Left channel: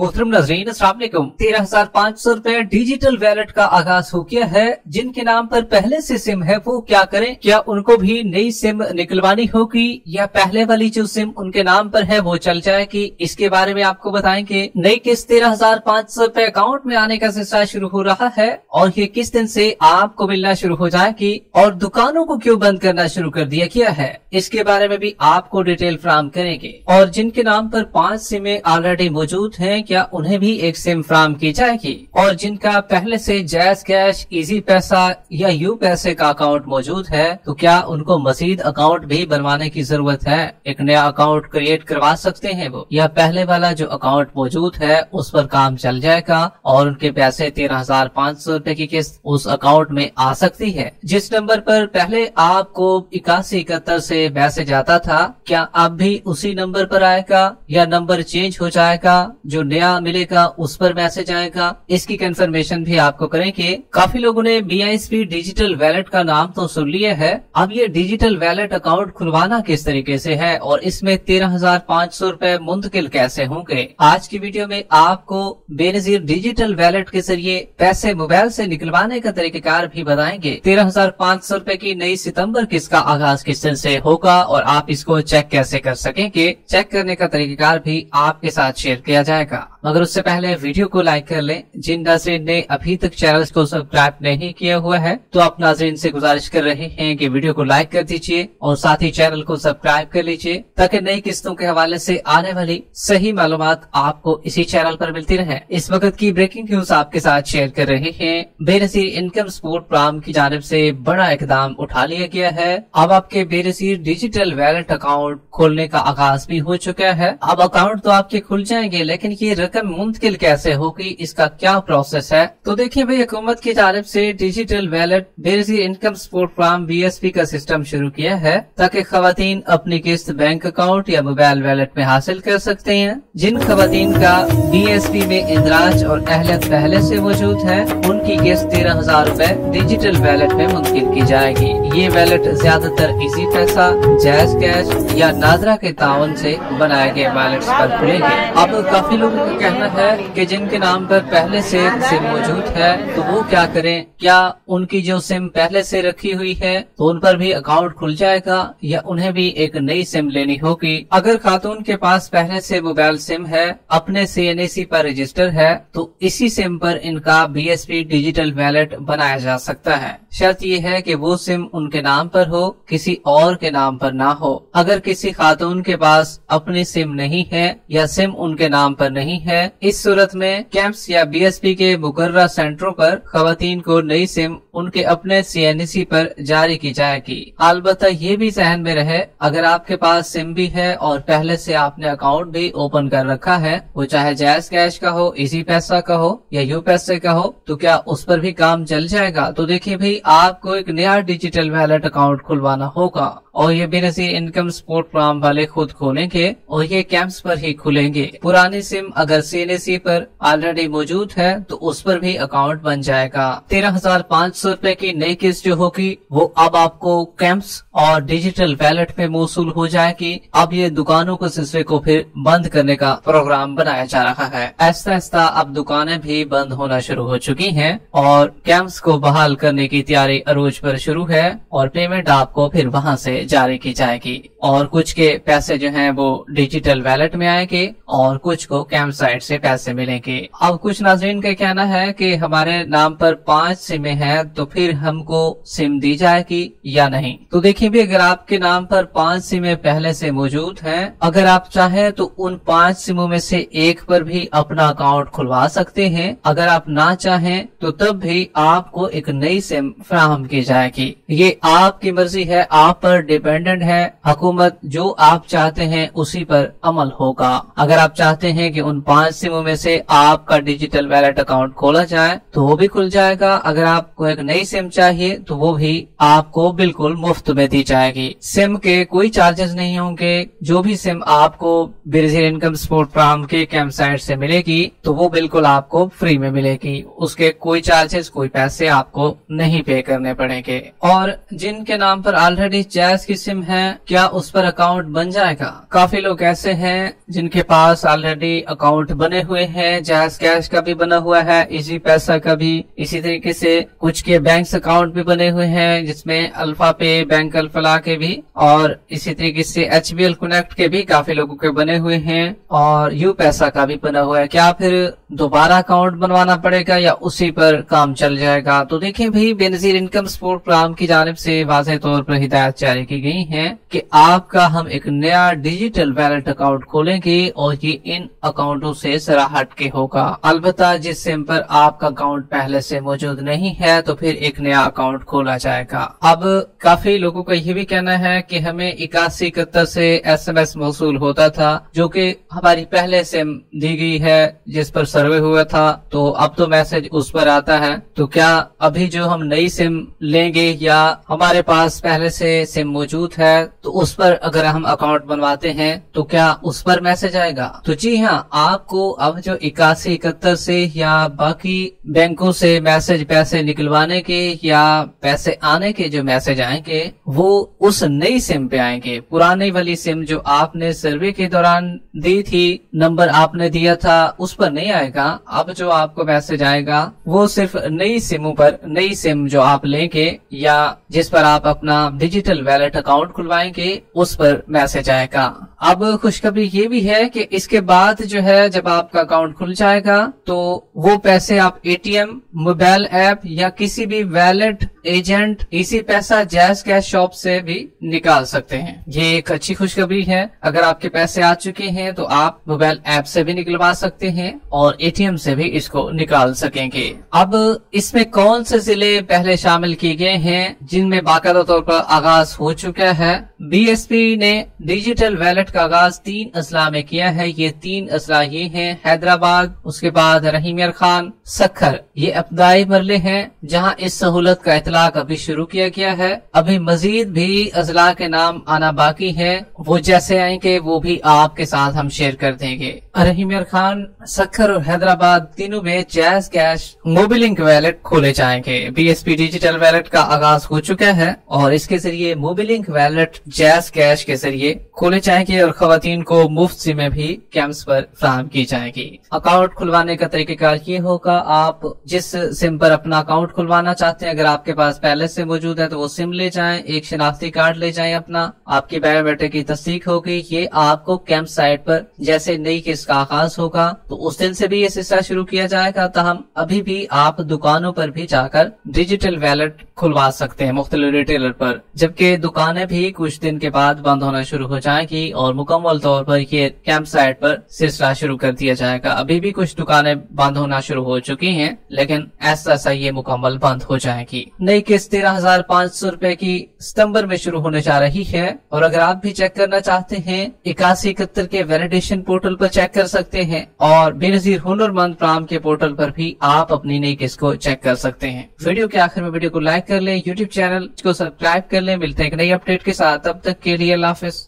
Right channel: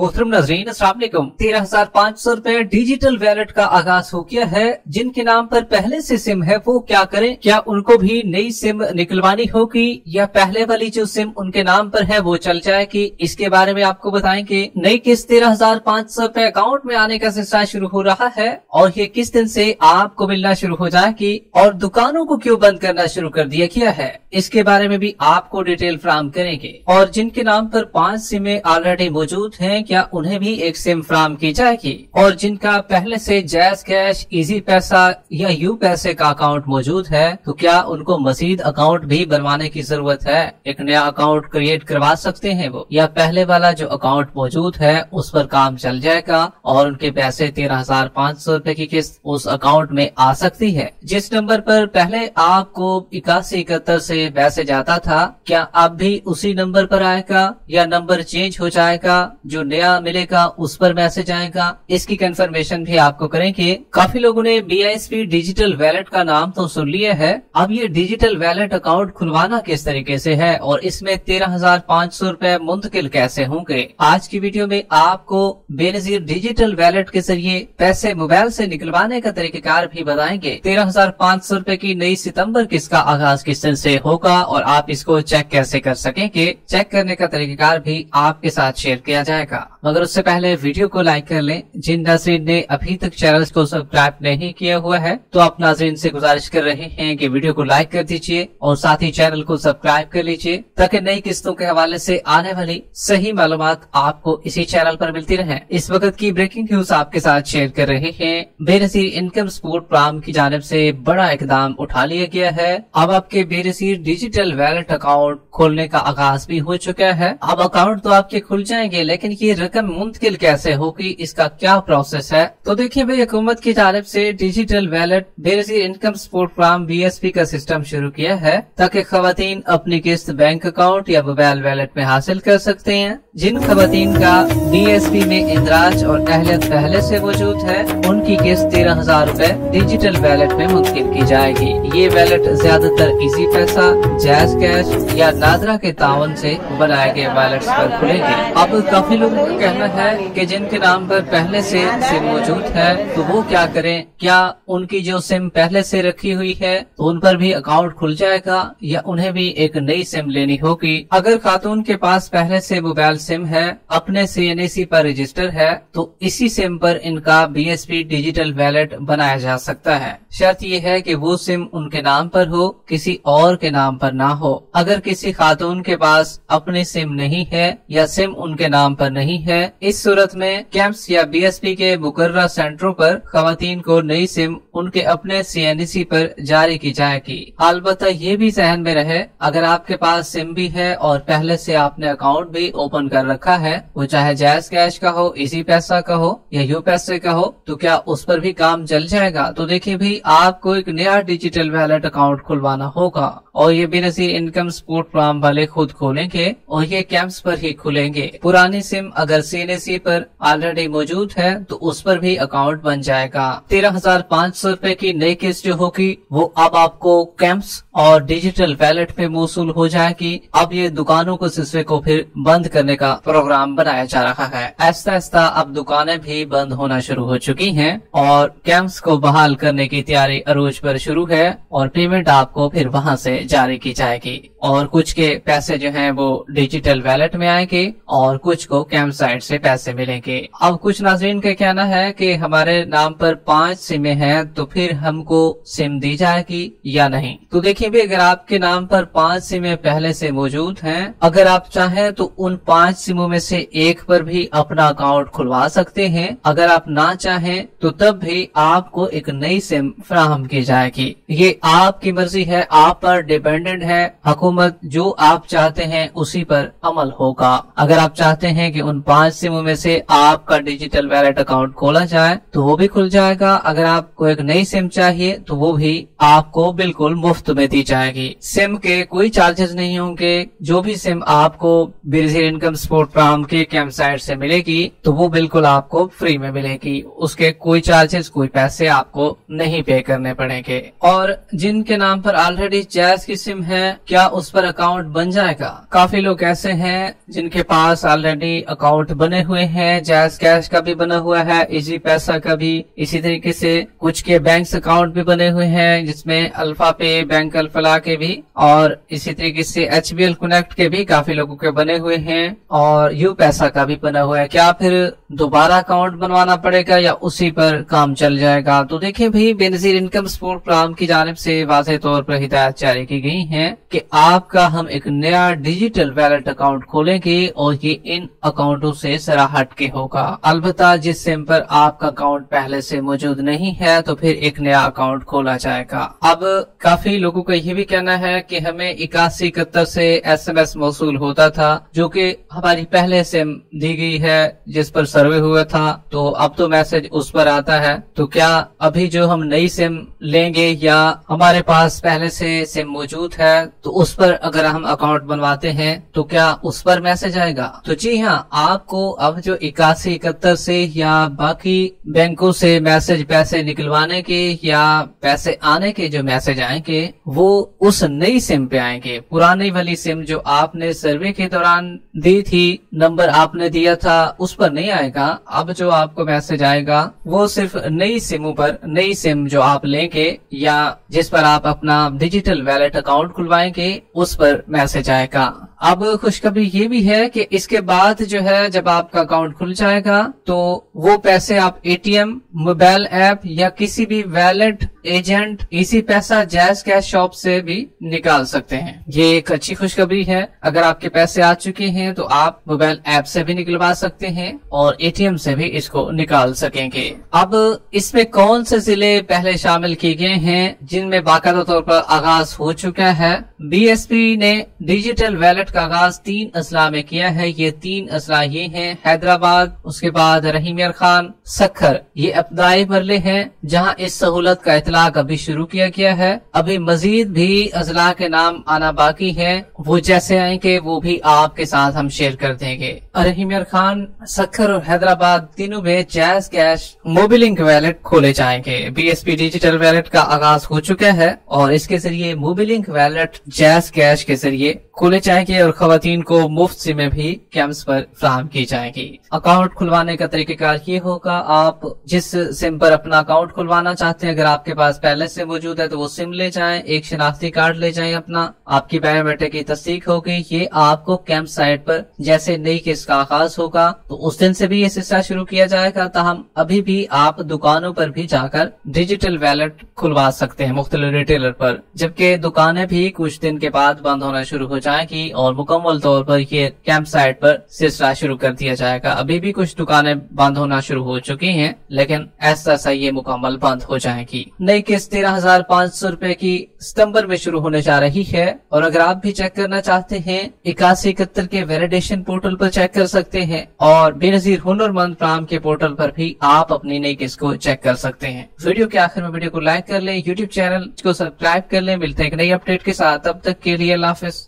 मोहतरम नाज़रीन, अस्सलाम वालेकुम। 13,500 रुपए डिजिटल वैलेट का आगाज हो गया है। जिनके नाम पर पहले से सिम है वो क्या करें? क्या उनको भी नई सिम निकलवानी होगी या पहले वाली जो सिम उनके नाम पर है वो चल जाएगी? इसके बारे में आपको बताएंगे। नई किस्त 13,500 रुपए अकाउंट में आने का सिलसिला शुरू हो रहा है और ये किस दिन से आपको मिलना शुरू हो जाएगी और दुकानों को क्यों बंद करना शुरू कर दिया गया है, इसके बारे में भी आपको डिटेल फराहम करेंगे। और जिनके नाम पर 5 सिमें ऑलरेडी मौजूद हैं, क्या उन्हें भी एक सिम फराहम की जाएगी? और जिनका पहले से जैज़ कैश, इजी पैसा या यू पैसे का अकाउंट मौजूद है, तो क्या उनको मजीद अकाउंट भी बनवाने की जरूरत है? एक नया अकाउंट क्रिएट करवा सकते हैं वो, या पहले वाला जो अकाउंट मौजूद है उस पर काम चल जाएगा और उनके पैसे 13,500 रुपए की किस्त उस अकाउंट में आ सकती है? जिस नंबर पर पहले आपको 8171 से मैसेज आता था, क्या अब भी उसी नंबर पर आएगा या नंबर चेंज हो जाएगा? जो नया मिलेगा उस पर मैसेज आएगा? इसकी कंफर्मेशन भी आपको करेंगे। काफी लोगों ने BISP डिजिटल वैलेट का नाम तो सुन लिया है, अब ये डिजिटल वैलेट अकाउंट खुलवाना किस तरीके से है और इसमें 13,500 रुपए मुंतकिल कैसे होंगे? आज की वीडियो में आपको बेनजीर डिजिटल वैलेट के जरिए पैसे मोबाइल से निकलवाने का तरीकेकार भी बताएंगे। 13,500 रुपए की नई सितंबर किस्त का आगाज किस दिन से होगा और आप इसको चेक कैसे कर सकेंगे, चेक करने का तरीकेकार भी आपके साथ शेयर किया जाएगा। मगर उससे पहले वीडियो को लाइक कर लें। जिन नाज़रीन ने अभी तक चैनल को सब्सक्राइब नहीं किया हुआ है तो आप नाज़रीन से गुजारिश कर रहे हैं कि वीडियो को लाइक कर दीजिए और साथ ही चैनल को सब्सक्राइब कर लीजिए ताकि नई किस्तों के हवाले से आने वाली सही मालूमात आपको इसी चैनल पर मिलती रहे। इस वक्त की ब्रेकिंग न्यूज आपके साथ शेयर कर रहे हैं। बेनजीर इनकम सपोर्ट प्रोग्राम की जानिब से बड़ा इकदाम उठा लिया गया है। अब आपके बेनजीर डिजिटल वैलेट अकाउंट खोलने का आगाज भी हो चुका है। अब अकाउंट तो आपके खुल जाएंगे, लेकिन ये रकम मुंतकिल कैसे होगी, इसका क्या प्रोसेस है? तो देखिए भाई, हुकूमत की जानिब से digital wallet Benazir income support programme BSP का सिस्टम शुरू किया है ताकि खवातीन अपनी किस्त बैंक अकाउंट या मोबाइल वैलेट में हासिल कर सकते हैं। जिन खवातीन का BSP में इंदराज और अहलियत पहले से मौजूद है, उनकी किस्त 13,000 रुपए डिजिटल वैलेट में मुंतकिल की जाएगी। ये वैलेट ज्यादातर इजी पैसा, जैज़ कैश या नादरा के ताउन से बनाए गए वैलेट्स पर खुलेंगे। अब काफी लोगों का कहना है कि जिनके नाम पर पहले से सिम मौजूद है तो वो क्या करें? क्या उनकी जो सिम पहले से रखी हुई है तो उन पर भी अकाउंट खुल जाएगा या उन्हें भी एक नई सिम लेनी होगी? अगर खातून के पास पहले से मोबाइल सिम है, अपने CNAC पर रजिस्टर है, तो इसी सिम पर इनका BSP डिजिटल वैलेट बनाया जा सकता है। शर्त ये है कि वो सिम उनके नाम पर हो, किसी और के नाम पर ना हो। अगर किसी खातून के पास अपनी सिम नहीं है या सिम उनके नाम पर नहीं है, इस सूरत में कैंप्स या BSP के मुकर्रर सेंटरों पर खवातीन को नई सिम उनके अपने CNAC पर जारी की जाएगी। अलबत्ता ये भी जहन में रहे, अगर आपके पास सिम भी है और पहले से आपने अकाउंट भी ओपन कर रखा है, वो चाहे जैज़ कैश का हो, इजी पैसा का हो या यू पैसे का हो, तो क्या उस पर भी काम चल जाएगा? तो देखिए भाई, आपको एक नया डिजिटल वैलेट अकाउंट खुलवाना होगा और ये बेनजीर इनकम सपोर्ट प्रोग्राम वाले खुद खोलेंगे और ये कैंप्स पर ही खुलेंगे। पुरानी सिम अगर CNAC पर ऑलरेडी मौजूद है तो उस पर भी अकाउंट बन जाएगा। 13,500 रुपए की नई किस्त जो होगी वो अब आपको कैंप्स और डिजिटल वैलेट पे मौसूल हो जाएगी। अब ये दुकानों के सिलसिले को फिर बंद करने का प्रोग्राम बनाया जा रहा है। ऐसा ऐसा अब दुकानें भी बंद होना शुरू हो चुकी हैं और कैंप्स को बहाल करने की तैयारी अरूज पर शुरू है और पेमेंट आपको फिर वहां से जारी की जाएगी और कुछ के पैसे जो हैं वो डिजिटल वैलेट में आएंगे और कुछ को कैंप साइट से पैसे मिलेंगे। अब कुछ नाज़रीन का कहना है कि हमारे नाम पर 5 सिमें हैं तो फिर हमको सिम दी जाएगी या नहीं? तो देखिए भी, अगर आपके नाम पर 5 सिमें पहले से मौजूद हैं, अगर आप चाहें तो उन 5 सिमों में से एक पर भी अपना अकाउंट खुलवा सकते हैं। अगर आप ना चाहें तो तब भी आपको एक नई सिम फराहम की जाएगी। ये आपकी मर्जी है, आप पर डिपेंडेंट है। हुकूमत जो आप चाहते हैं उसी पर अमल होगा। अगर आप चाहते हैं कि उन 5 सिमों में से आपका डिजिटल वैलेट अकाउंट खोला जाए तो वो भी खुल जाएगा। अगर आपको एक नई सिम चाहिए तो वो भी आपको बिल्कुल मुफ्त में दी जाएगी। सिम के कोई चार्जेस नहीं होंगे। जो भी सिम आपको बेनजीर इनकम सपोर्ट प्रोग्राम के कैंप साइट से मिलेगी तो वो बिल्कुल आपको फ्री में मिलेगी। उसके कोई चार्जेस, कोई पैसे आपको नहीं पे करने पड़ेंगे। और जिनके नाम पर ऑलरेडी जैज़ की सिम है, क्या उस पर अकाउंट बन जाएगा। काफी लोग ऐसे हैं जिनके पास ऑलरेडी अकाउंट बने हुए हैं, जैज़ कैश का भी बना हुआ है, इजी पैसा का भी, इसी तरीके से कुछ के बैंक अकाउंट भी बने हुए हैं जिसमें अल्फा पे, बैंक अल्फला के भी, और इसी तरीके से HBL कनेक्ट के भी काफी लोगों के बने हुए हैं, और यू पैसा का भी बना हुआ है। क्या फिर दोबारा अकाउंट बनवाना पड़ेगा या उसी पर काम चल जाएगा? तो देखिए भाई, बेनजीर इनकम सपोर्ट प्रोग्राम की जानिब से वाज़ेह तौर पर हिदायत जारी की गई है कि आपका हम एक नया डिजिटल वैलेट अकाउंट खोलेंगे और ये इन अकाउंटों से जरा हट के होगा। अलबत्ता जिस सिम पर आपका अकाउंट पहले से मौजूद नहीं है तो फिर एक नया अकाउंट खोला जाएगा। अब काफी लोगों को ये भी कहना है कि हमें 8171 से SMS मौसूल होता था, जो कि हमारी पहले सिम दी गई है जिस पर सर्वे हुआ था, तो अब तो मैसेज उस पर आता है। तो क्या अभी जो हम नई सिम लेंगे या हमारे पास पहले से सिम मौजूद है तो उस पर अगर हम अकाउंट बनवाते हैं तो क्या उस पर मैसेज आएगा? तो जी हाँ, आपको अब जो 8171 से या बाकी बैंकों से मैसेज पैसे निकलवाने के या पैसे आने के जो मैसेज आएंगे वो उस नई सिम पे आएंगे। पुरानी वाली सिम जो आपने सर्वे के दौरान दी थी, नंबर आपने दिया था, उस पर नहीं आएगा। अब जो आपको मैसेज आएगा वो सिर्फ नई सिमों पर, नई सिम जो आप लेंगे या जिस पर आप अपना डिजिटल वैलेट अकाउंट खुलवाएंगे उस पर मैसेज आएगा। अब खुशखबरी ये भी है कि इसके बाद जो है जब आपका अकाउंट खुल जाएगा तो वो पैसे आप ATM, मोबाइल ऐप या किसी भी वैलेट एजेंट, इसी पैसा, जैज़ कैश शॉप से भी निकाल सकते हैं। ये एक अच्छी खुशखबरी है। अगर आपके पैसे आ चुके हैं तो आप मोबाइल ऐप से भी निकलवा सकते हैं और ATM से भी इसको निकाल सकेंगे। अब इसमें कौन से जिले पहले शामिल किए गए हैं जिनमें बाकायदा तौर पर आगाज हो चुका है? BSP ने डिजिटल वैलेट का आगाज 3 अजला में किया है। ये 3 अजला ये हैं: हैदराबाद, उसके बाद रहीमियर खान, सक्खर। ये इब्तदाई मरले हैं जहां इस सहूलत का इतलाक अभी शुरू किया गया है। अभी मजीद भी अजला के नाम आना बाकी है, वो जैसे आएंगे वो भी आपके साथ हम शेयर कर देंगे। रहीमियर खान, सक्खर और हैदराबाद तीनों में जैज़ कैश मोबिलिंक वैलेट खोले जाएंगे। BSP डिजिटल वैलेट का आगाज हो चुका है और इसके जरिए मोबिलिंक वैलेट जैज़ कैश के जरिए खोले जाएंगे और खवातीन को मुफ्त सिमें भी कैंप्स पर फराहम की जाएगी। अकाउंट खुलवाने का तरीकेकार ये होगा, आप जिस सिम पर अपना अकाउंट खुलवाना चाहते हैं, अगर आपके पास पहले से मौजूद है तो वो सिम ले जाएं, एक शनाख्ती कार्ड ले जाएं अपना, आपकी बायोमेट्रिक की तस्दीक होगी। ये आपको कैंप साइट पर जैसे नई किस्त का आगाज होगा तो उस दिन से भी ये सिलसिला शुरू किया जाएगा। ताहम अभी भी आप दुकानों पर भी जाकर डिजिटल वैलेट खुलवा सकते हैं मुख्तलिफ रिटेलर पर, जबकि दुकानें भी कुछ दिन के बाद बंद होना शुरू हो जाएगी और मुकम्मल तौर पर ये कैंप साइट पर सिलसिला शुरू कर दिया जाएगा। अभी भी कुछ दुकानें बंद होना शुरू हो चुकी हैं लेकिन ऐसा ये मुकम्मल बंद हो जाएगी। नई किस्त 13,500 रुपए की सितंबर में शुरू होने जा रही है और अगर आप भी चेक करना चाहते हैं 8171 के वैलिडेशन पोर्टल पर चेक कर सकते हैं और बेनजीर हुनरमंद प्रोग्राम के पोर्टल पर भी आप अपनी नई किस्त को चेक कर सकते हैं। वीडियो के आखिर में वीडियो को लाइक कर लें, यूट्यूब चैनल को सब्सक्राइब कर लें। मिलते हैं एक नई अपडेट के साथ, तब तक के लिए अल्लाह हाफिज।